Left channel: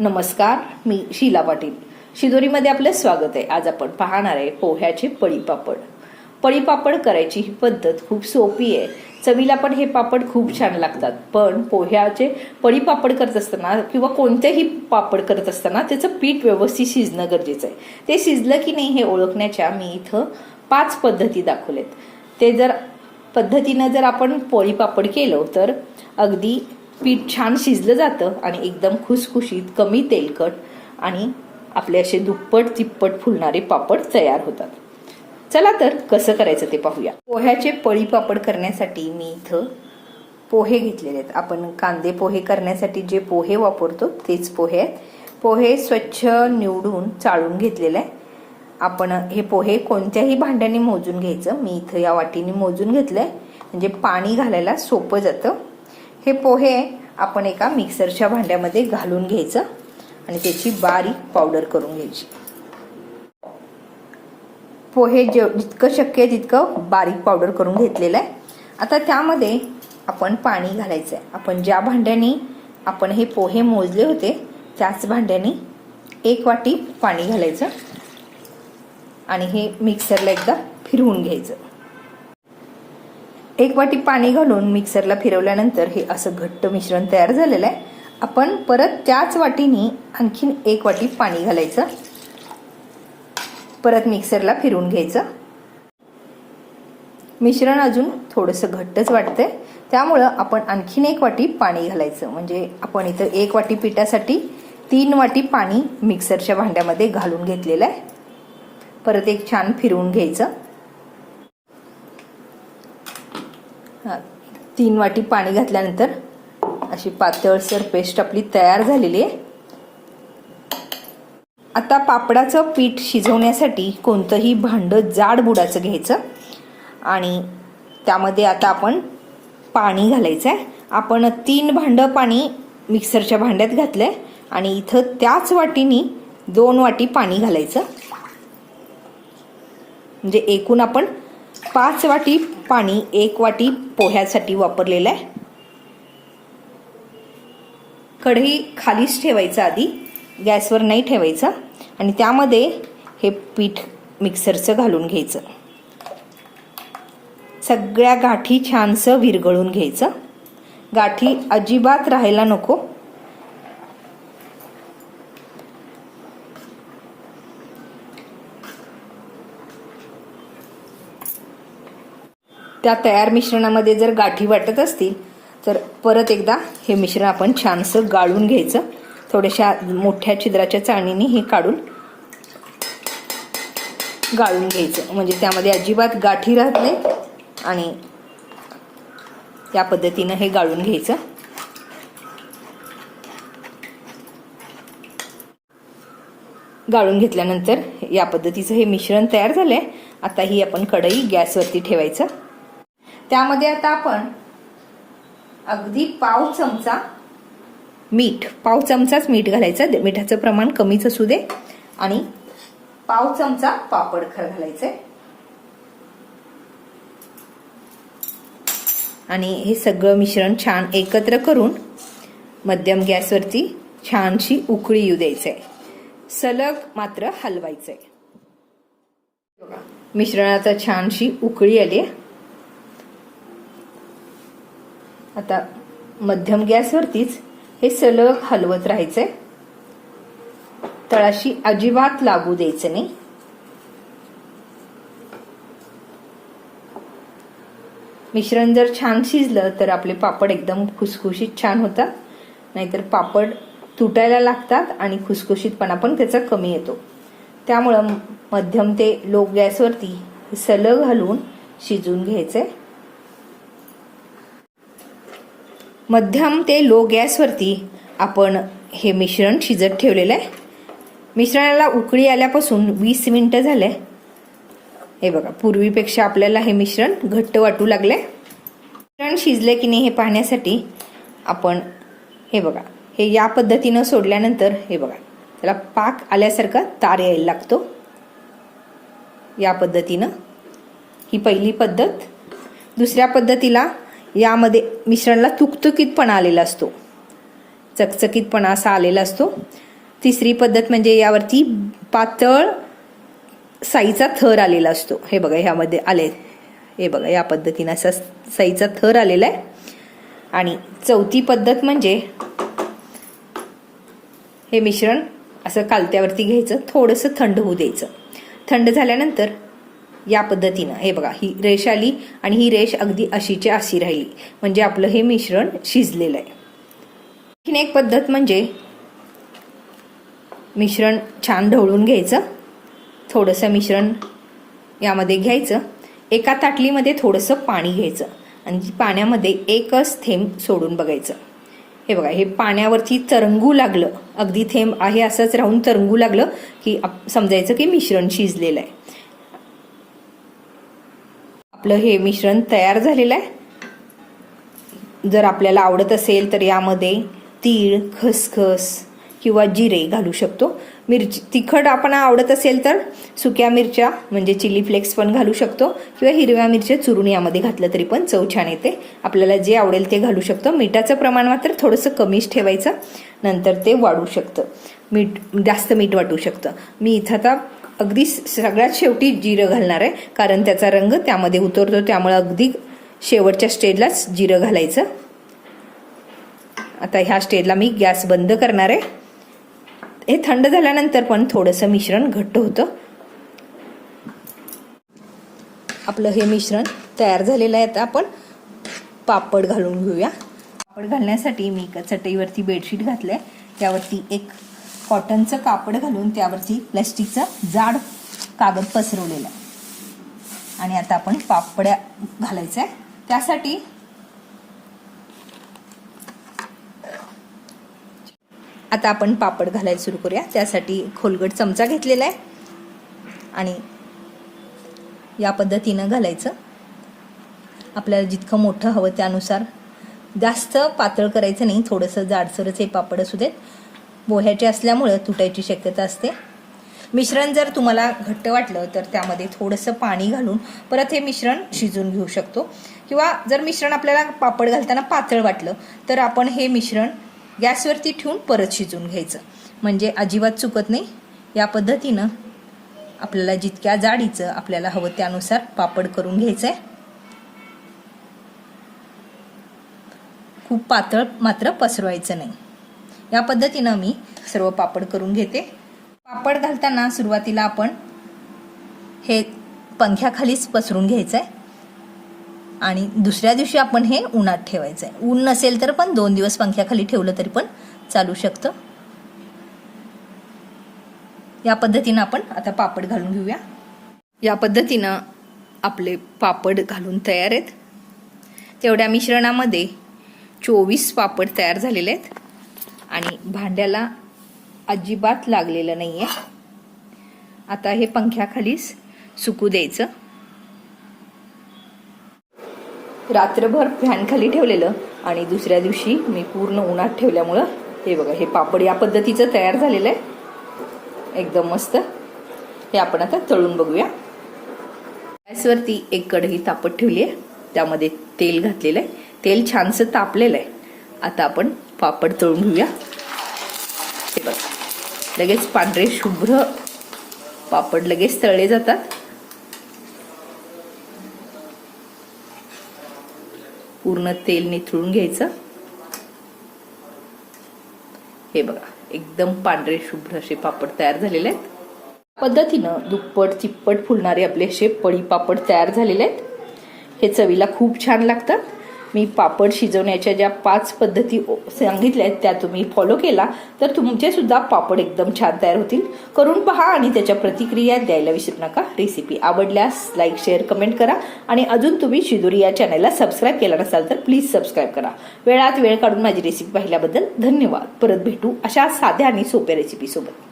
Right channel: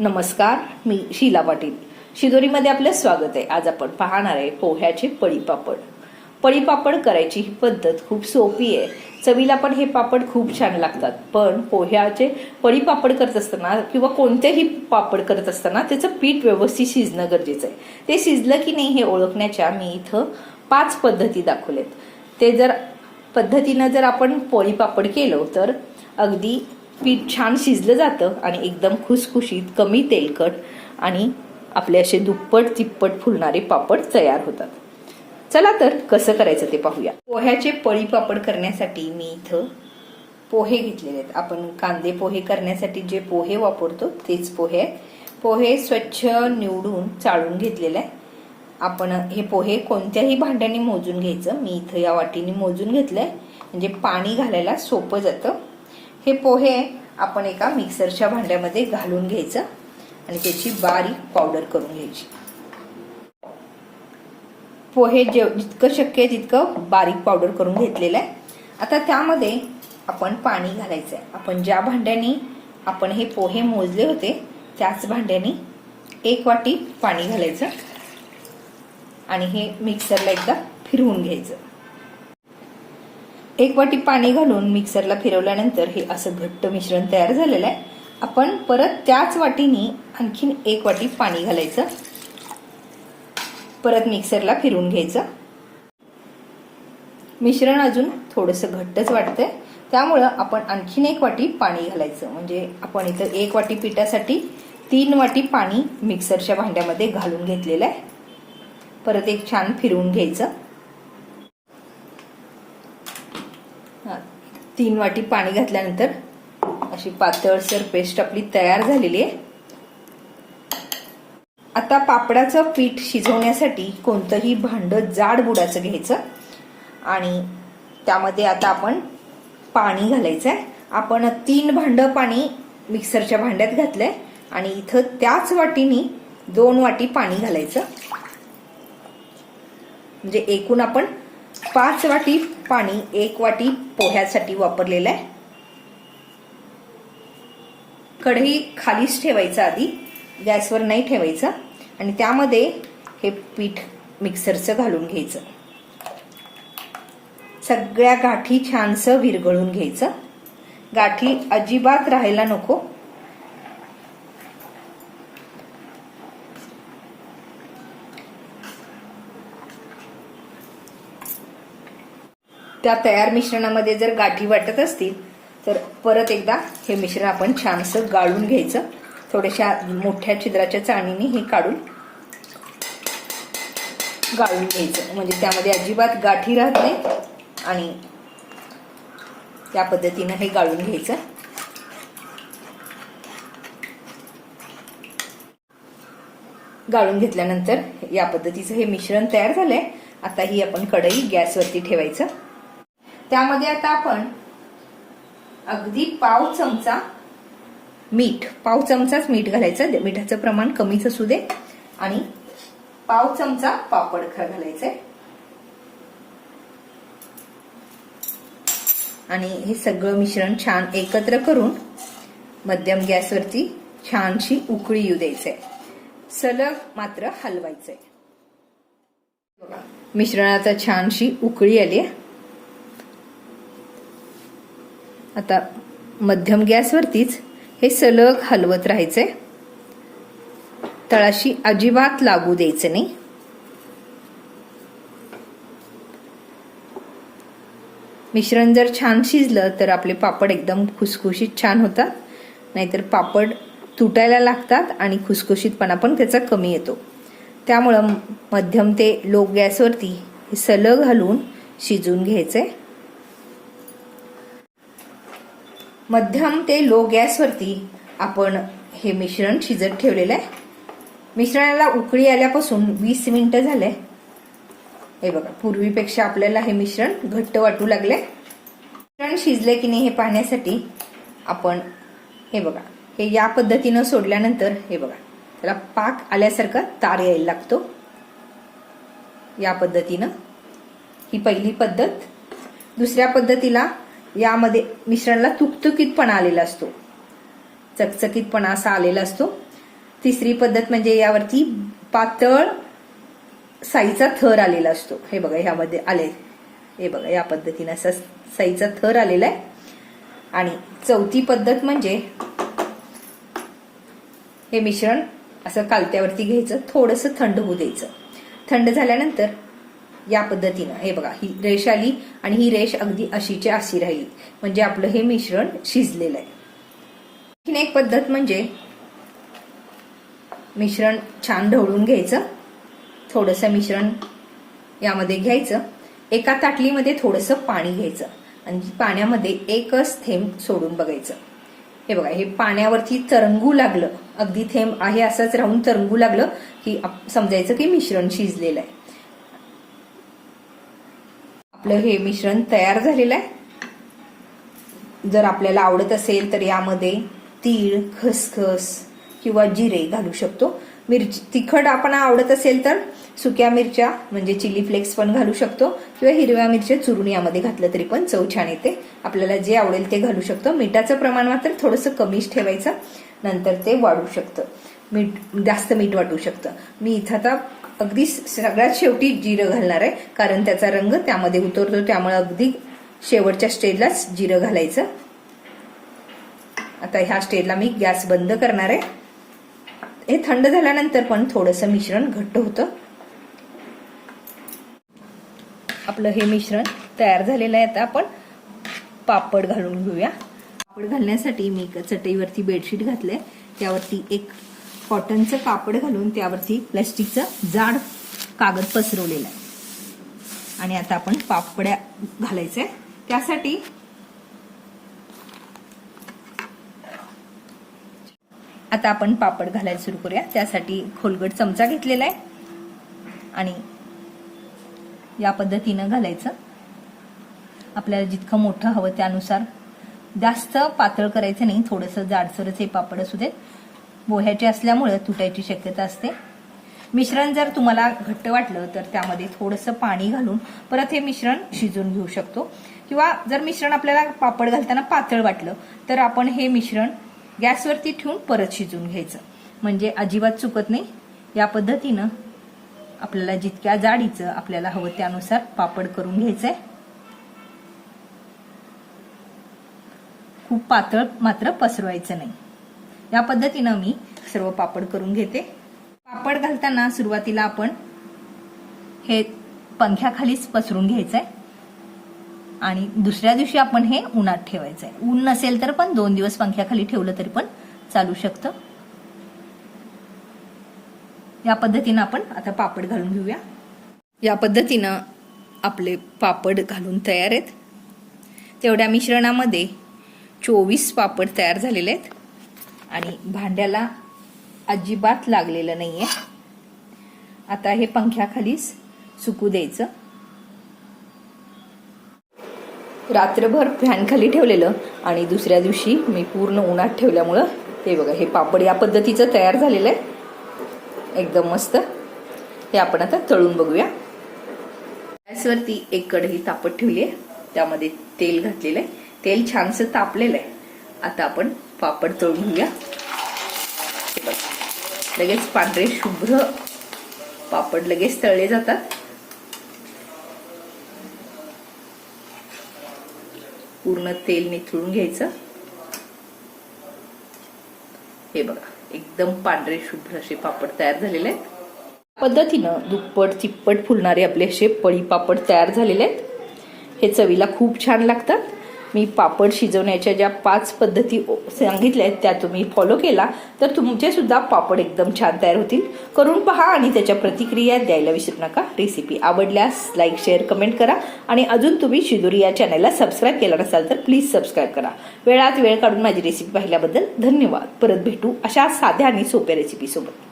नमस्कार मी शीला पाटील. शिदोरीमध्ये आपलं स्वागत आहे. आज आपण पाहणार आहे पोह्याचे पळीपापड पळीपापड करायची ही पद्धत खूप सोपी आहे. चवीला पण हे पापड खूप छान लागतात. पण पोह्याचे पळीपापड करत असताना किंवा कोणतेही पापड करत असताना त्याचं पीठ व्यवस्थित शिजणं गरजेचं आहे. ते शिजलं की नाही हे ओळखण्याच्या मी इथं पाच पद्धती दाखवलेत. ते जर पद्धतीनं जर आपण पोळी पापड केलं तर अगदी पीठ छान शिजलं जातं आणि एकदम खुसखुशीत कमी तेलकट आणि आपले असे दुप्पट तिप्पट फुलणारे पापड तयार होतात. चला तर कसं करायचं ते पाहूया. पोह्याचे पळी पापड करण्यासाठी मी इथं पोहे घेतलेले आहेत. आपण कांदे पोहे करण्यासाठी जे पोहे वापरतो तेच पोहे आहेत. पोहे स्वच्छ निवडून चाळून घेतलेले आहे आपण हे पोहे कोणत्याही भांड्याने मोजून घ्यायचं. मी इथं या वाटीने मोजून घेतलंय. म्हणजे पाणी घालायला सोपं जातं. हे पोहे आपण एका मिक्सरच्या भांड्यामध्ये घालून घ्यायचं आणि त्याची बारीक पावडर करून घ्यायची. पोहे जे जितकं शक्य आहे तितकं बारीक पावडर करून घेतलेलं आहे. आता त्यामध्ये आपण पाणी घालायचं आहे आपण ज्या भांड्याने आपण हे पोहे मोजले होते त्याच भांड्याने एक वाटी पाणी घालायचं आणि हे मिक्सरला एकदा फिरवून घ्यायचं. एक वाटी पाणी घालून मिक्सरला फिरवल्यानंतर हे असं घट्ट मिश्रण तयार झालेलं आहे. आपण परत त्याच वाटीने आणखीन एक वाटी पाणी घालायचं. परत मिक्सरला फिरवून घ्यायचं. मिश्रण अजून थोडंसं घट्टच वाटतंय. त्यामुळं आपण आणखीन एक वाटी पाणी घालायचं. म्हणजे आपण इथं एक वाटी पिठासाठी तीन वाटी पाणी मिक्सरच्या भांड्यामध्ये घालून घेतलेलं आहे. परत एक छान फिरवून घ्यायचं. तीन वाटी पाणी घातल्यानंतर अशी पातळसर पेस्ट आपली तयार झालेली आहे. आता पापडाचं पीठ शिजवण्यासाठी कोणतंही भांड जाड बुडाचं घ्यायचं आणि त्यामध्ये आता आपण पाणी घालायचं आहे आपण तीन भांडं पाणी मिक्सरच्या भांड्यात घातलंय आणि इथं त्याच वाटीनी दोन वाटी पाणी घालायचं. म्हणजे एकूण आपण पाच वाटी पाणी एक वाटी पोह्यासाठी वापरलेलं आहे. कढई खालीच ठेवायचं आधी गॅसवर नाही ठेवायचं आणि त्यामध्ये हे पीठ मिक्सरचं घालून घ्यायचं. सगळ्या गाठी छानसं विरघळून घ्यायचं. गाठी अजिबात राहायला नको. त्या तयार मिश्रणामध्ये जर गाठी वाटत असतील तर परत एकदा हे मिश्रण आपण छानसं गाळून घ्यायचं. थोड्याशा मोठ्या छिद्राच्या चाळणीने हे काढून गाळून घ्यायचं. म्हणजे त्यामध्ये अजिबात गाठी राहत नाही आणि त्या पद्धतीनं हे गाळून घ्यायचं. गाळून घेतल्यानंतर या पद्धतीचं हे मिश्रण तयार झालंय. आता ही आपण कढई गॅसवरती ठेवायचं. त्यामध्ये आता आपण अगदी पाव चमचा मीठ पाव चमचाच मीठ घालायचं. मिठाचं प्रमाण कमीच असू दे. आणि पाव चमचा पापड घालायचंय. आणि हे सगळं मिश्रण छान एकत्र करून मध्यम गॅसवरती छानशी उकळी येऊ द्यायचंय. सलग मात्र हलवायचंय. बघा मिश्रणाचा छानशी उकळी आली आता मध्यम गॅसवरतीच हे सलग हलवत राहायचंय तळाशी अजिबात लागू द्यायचं नाही. मिश्रण जर छान शिजलं तर आपले पापड एकदम खुसखुशीत छान होतात. नाहीतर पापड तुटायला लागतात आणि खुसखुशीतपणा पण त्याचा कमी येतो. त्यामुळं मध्यम ते लो गॅसवरती सलग हलवून शिजून घ्यायचंय मध्यम ते लो गॅसवरती आपण हे मिश्रण शिजत ठेवलेलं आहे. मिश्रणाला उकळी आल्यापासून वीस मिनटं झाले. हे बघा पूर्वीपेक्षा आपल्याला हे मिश्रण घट्ट वाटू लागले मिश्रण शिजले की नाही हे पाहण्यासाठी आपण हे बघा हे या पद्धतीनं सोडल्यानंतर हे बघा त्याला पाक आल्यासारखा तार यायला लागतो. या पद्धतीनं ही पहिली पद्धत. दुसऱ्या पद्धतीला यामध्ये मिश्रणाला तुकतुकीतपणा आलेला असतो. चकचकीतपणा असा आलेला असतो. तिसरी पद्धत म्हणजे यावरती पातळ साईचा थर आलेला असतो. हे बघा ह्यामध्ये आले. हे बघा या पद्धतीनं असा साईचा थर आलेला आहे. आणि चौथी पद्धत म्हणजे हे मिश्रण असं कालत्यावरती घ्यायचं थोडंसं थंड होऊ द्यायचं. थंड झाल्यानंतर या पद्धतीनं. हे बघा ही रेष आली आणि ही रेष अगदी अशीची अशी राहिली. म्हणजे आपलं हे मिश्रण शिजलेलं आहे. आणखीन एक पद्धत म्हणजे मिश्रण छान ढवळून घ्यायचं. थोडंसं मिश्रण यामध्ये घ्यायचं. एका ताटलीमध्ये थोडंसं पाणी घ्यायचं. आणि पाण्यामध्ये एकच थेंब सोडून बघायचं. हे बघा हे पाण्यावरती तरंगू लागलं. अगदी थेंब आहे असंच राहून तरंगू लागलं की आप- समजायचं की मिश्रण शिजलेलं आहे. आपलं हे मिश्रण तयार झालेलं आहे. जर आपल्याला आवडत असेल तर यामध्ये तीळ खसखस किंवा जिरे घालू शकतो. मिरची तिखट आपण आवडत असेल तर सुक्या मिरच्या म्हणजे चिली फ्लेक्स पण घालू शकतो किंवा हिरव्या मिरच्या चुरून यामध्ये घातलं तरी पण चव छान येते. आपल्याला जे आवडेल ते घालू शकतो. मिठाचं प्रमाण मात्र थोडंसं कमीच ठेवायचं. नंतर ते वाढू शकतं. मीठ जास्त मीठ वाटू शकतं. मी इथं आता अगदी सगळ्यात शेवटी जिरं घालणार आहे. कारण त्याचा रंग त्यामध्ये उतरतो त्यामुळे अगदी शेवटच्या स्टेजलाच जिरं घालायचं. आता ह्या स्टेजला मी गॅस बंद करणार आहे. हे थंड झाल्यानंतर पण थोडंसं मिश्रण घट्ट होतं. आपलं हे मिश्रण तयार झालेलं आहे. आता आपण पापड घालून घेऊया. पापड घालण्यासाठी मी एका चटईवरती बेडशीट घातलंय. त्यावरती एक कॉटनचं कापड घालून त्यावरती प्लास्टिकचा जाड कागद पसरवलेला. आणि आता आपण पापड्या घालायच्या त्यासाठी आता आपण पापड घालायला सुरू करूया. त्यासाठी खोलगट चमचा घेतलेला आहे. आणि या पद्धतीनं घालायचं. आपल्याला जितकं मोठं हवं त्यानुसार. जास्त पातळ करायचं नाही. थोडंसं जाडसरच हे पापड असू देत. बोह्याचे असल्यामुळं तुटायची शक्यता असते. मिश्रण जर तुम्हाला घट्ट वाटलं तर त्यामध्ये थोडंसं पाणी घालून परत हे मिश्रण शिजून घेऊ शकतो. किंवा जर मिश्रण आपल्याला पापड घालताना पातळ वाटलं तर आपण हे मिश्रण गॅसवरती ठेवून परत शिजून घ्यायचं. म्हणजे अजिबात चुकत नाही. या पद्धतीनं आपल्याला जितक्या जाडीचं आपल्याला हवं त्यानुसार पापड करून घ्यायचं आहे खूप पातळ मात्र पसरवायचं नाही. या पद्धतीनं मी सर्व पापड करून घेते. पापड घालताना सुरुवातीला आपण हे पंख्याखालीच पसरून घ्यायचंय. आणि दुसऱ्या दिवशी आपण हे उन्हात ठेवायचंय. ऊन नसेल तर पण दोन दिवस पंख्याखाली ठेवलं तरी पण चालू शकतं. या पद्धतीनं आपण आता पापड घालून घेऊया. या पद्धतीनं आपले पापड घालून तयार आहेत. तेवढ्या मिश्रणामध्ये चोवीस पापड तयार झालेले आहेत. आणि भांड्याला अजिबात लागलेलं नाही आहे आता हे पंख्याखालीच सुकू द्यायचं. रात्रभर फॅनखाली ठेवलेलं आणि दुसऱ्या दिवशी मी पूर्ण उन्हात ठेवल्यामुळं हे बघा हे पापड या पद्धतीचं तयार झालेलं आहे. एकदम मस्त. हे आपण आता तळून बघूया. गॅसवरती एक कढई तापत ठेवली आहे त्यामध्ये तेल घातलेलं आहे. तेल छानसं तापलेलं आहे. आता आपण पापड तळून घेऊया. लगेच पांढरे शुभ्र पापड लगेच तळले जातात. पूर्ण तेल निथळून घ्यायचं. हे बघा एकदम पांढरे शुभ्र असे पापड तयार झालेले आहेत. पद्धतीनं दुप्पट चिप्पट फुलणारे आपले असे पळी पापड तयार झालेले आहेत. हे चवीला खूप छान लागतात. मी पापड शिजवण्याच्या ज्या पाच पद्धती सांगितल्या आहेत त्या तुम्ही फॉलो केला तर तुमचे सुद्धा पापड एकदम छान तयार होतील. करून पहा आणि त्याच्या प्रतिक्रिया द्यायला विसरू नका. रेसिपी आवडल्यास लाईक शेअर कमेंट करा. आणि अजून तुम्ही शिदुरी या चॅनलला सबस्क्राईब केला नसाल तर प्लीज सबस्क्राईब करा. वेळात वेळ काढून माझी रेसिपी पाहिल्याबद्दल धन्यवाद. परत भेटू अशा साध्या आणि सोप्या रेसिपी सोबत.